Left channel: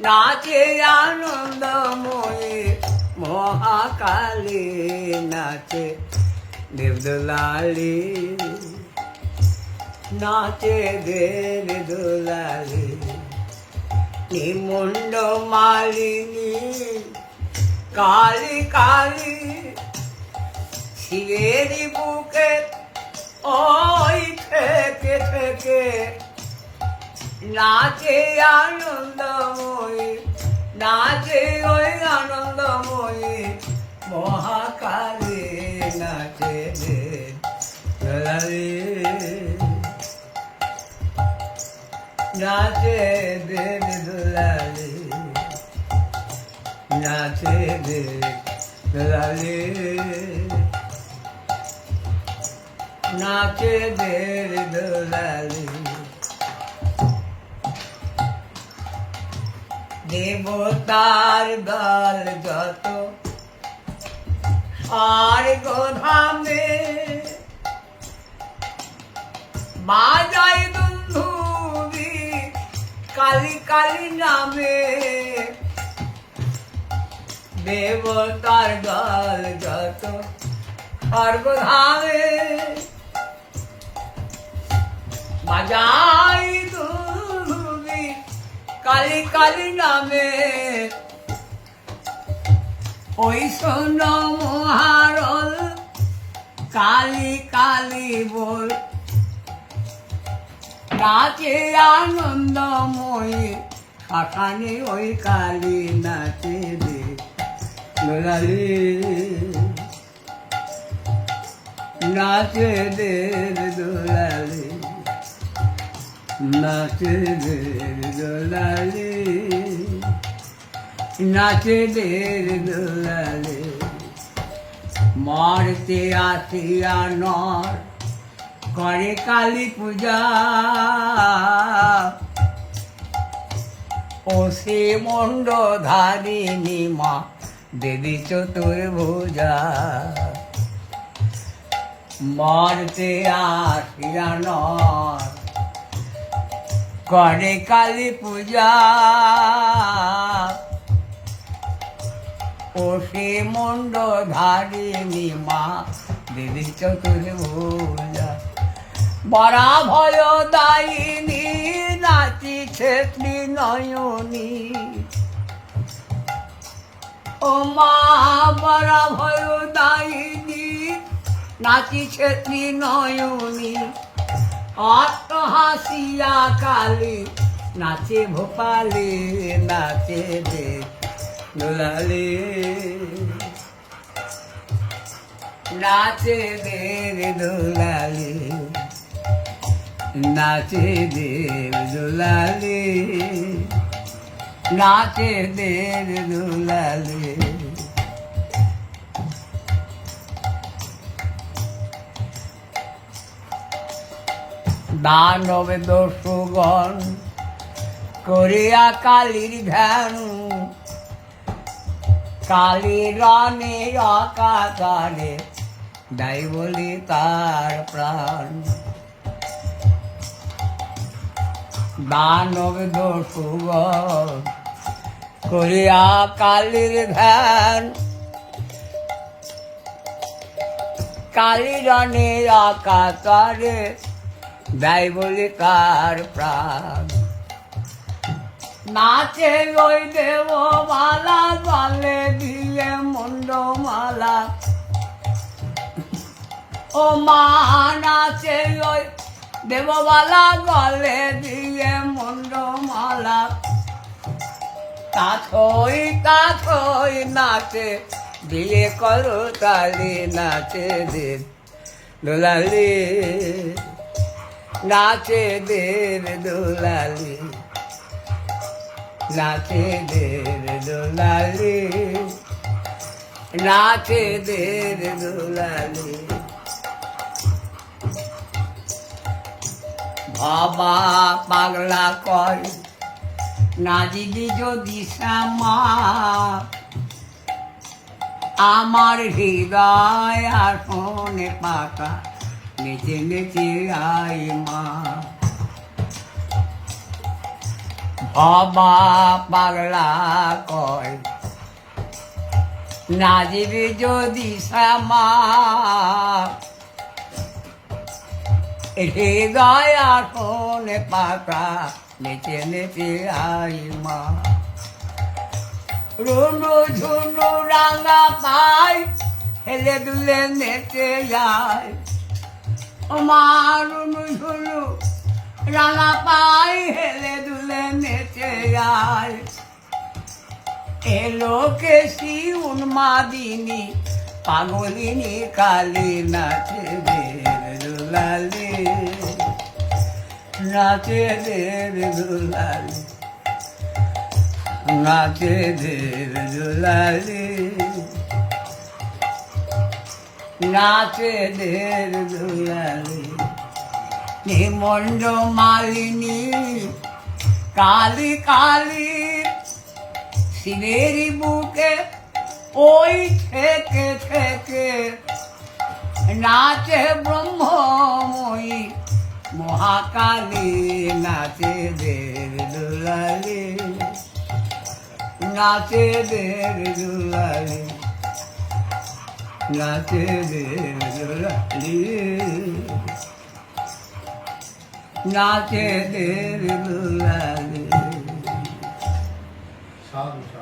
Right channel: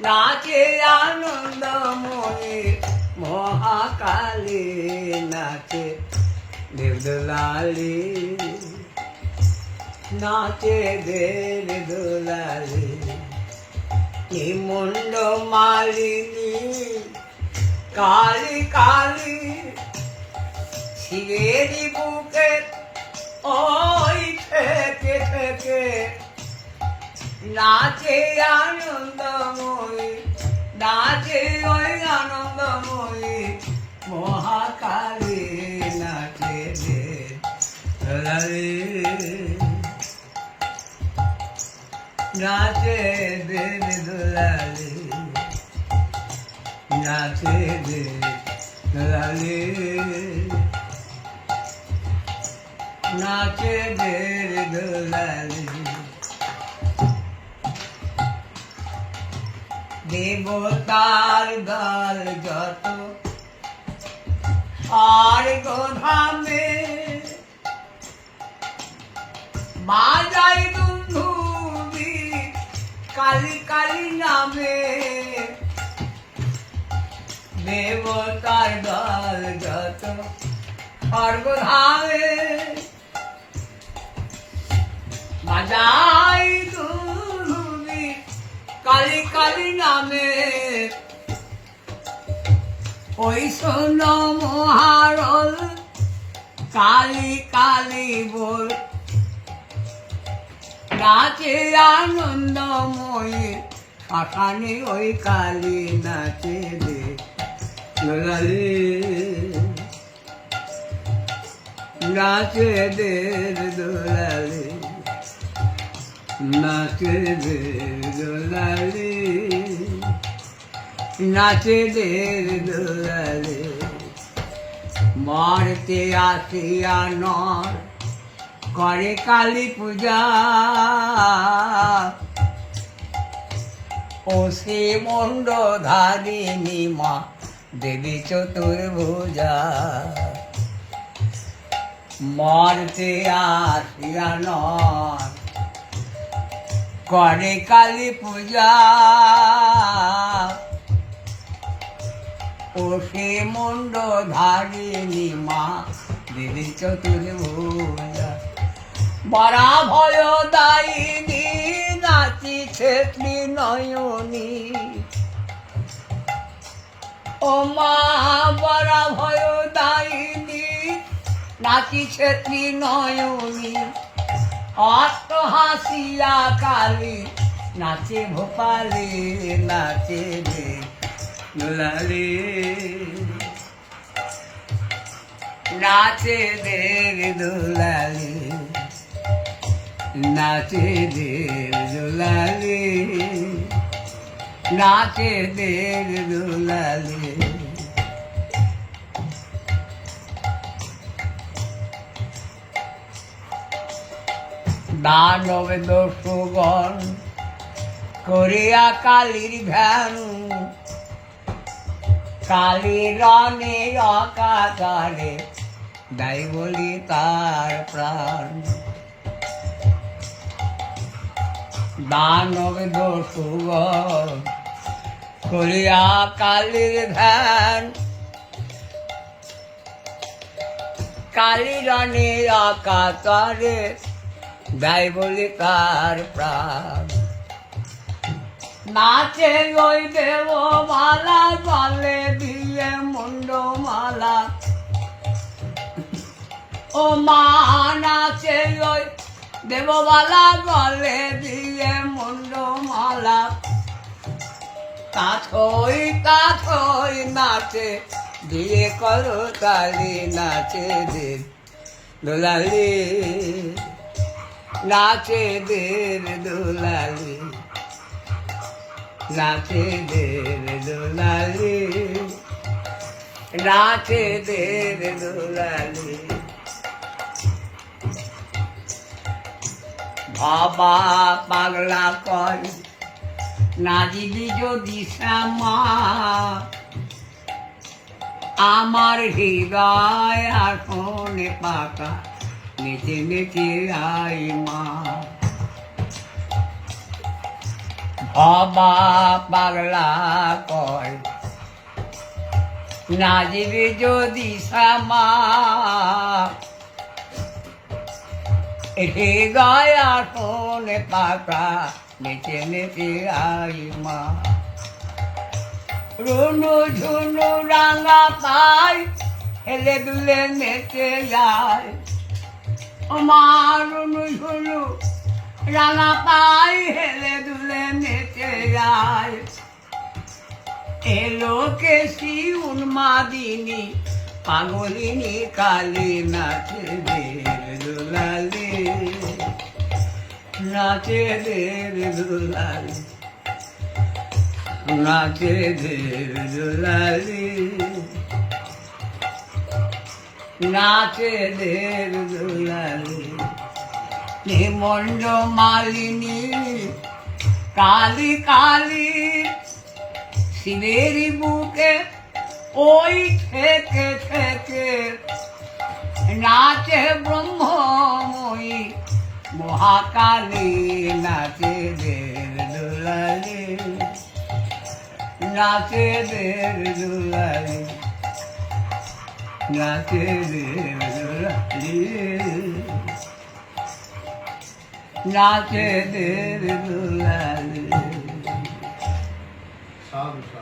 নাচে আনন্দময়ী মহাকালী নাচে দেবদুলালি। নাচে দেব দুলালি নিমুন্ড মালিনী, কালী কালী, শিবের বুকে, ওই থেকে থেকে নাচে আনন্দময়ী, নাচে ওই আনন্দময়ী। মহাকালী নাচে নাচে দেব দুলালি নাচে দেব দুলালি নাচে দেব দুলালি দেবতার দল যত। আর গোধামে বাজাই দুন্ধুবি কালি কালি নামে। দেবতার দল যত সর্বধামে বাজাই দুন্ধুবি কালি কালি নামে। ওই শোন মহারল, কালি কালি বল। নাচে আনন্দময়ী শাখানে ওই কালী নাচে রে গোলালি নাচে দে দোলালি দে দোলালি নাচে দে দোলালি, মারতে আসিয়া নর করে কালী পূজা। ও সে মন্ড ধারিণী মা, দেবী চতুর্ভুজা। মারতে আসিয়া নর করে কালী পূজা। ও সে মন্ড মা, দেবী চতুর্ভুজা। বরা ভয় দায়িনী, নাচিছে নয়নী ও মা, বরা ভয় দায়িনী, নাচিছে নয়নী অত হাসিয়া কালী, নাচে ভোপালে, নাচে রে দুলালে। নাচে দেব দুলালে, নাচে দেব দুলালে। নাচে দেব দুলালে। দানব দস্যুগণ করিয়া কালীর ধ্যান। কালী রণে অকাকারে দাই বলি তার প্রাণ। দানব দস্যুগণ করিয়া কালীর ধ্যান। কালী রণে অকাকারে দাই বলি তার প্রাণ। নাচে ওই দেব মালা গলে দিয়ে মুন্ড মালা ও মা, নাচে ওই দেববালা গলে দিয়ে মুন্ড মালা কাছই কাছই নাচে দিয়ে করো তালি নাচে দিন। দোলালি। নাচে দেব দোলালি। নাচে দেব দোলালি। নাচে দেব দোলালি। বাবা পাগলা কয় নাজিলি যদি শ্যামা আমার হৃদয় আসনে পাকা নেচে নেচে আই মা? অবা পাগলা কয় নাজিবে যদি শ্যামা, হে গায়া শোনে পাতা নেচে নেচে আই মা? রুনু ঝুনু রাঙা পাই হেলে দুলে নেচে যায়। রুনু ঝুনু রাঙা পাই হেলে দুলে নেচে যায়। এলো কেসি উন্মাদিনী, পাগলিনী, কালী নাচে দুলালি। নাচে দের দুলালি, নাচে দের দুলালি। নাচে দের দুলালি নিমন্ড মালিনী, কালি কালি শিবের বুকে ওই থেকে থেকে নাচে ব্রহ্মময়ী মহাকালী, নাচে দের দুলালি, নাচে দের দুলালি। নাচে দের দুলালি নাচে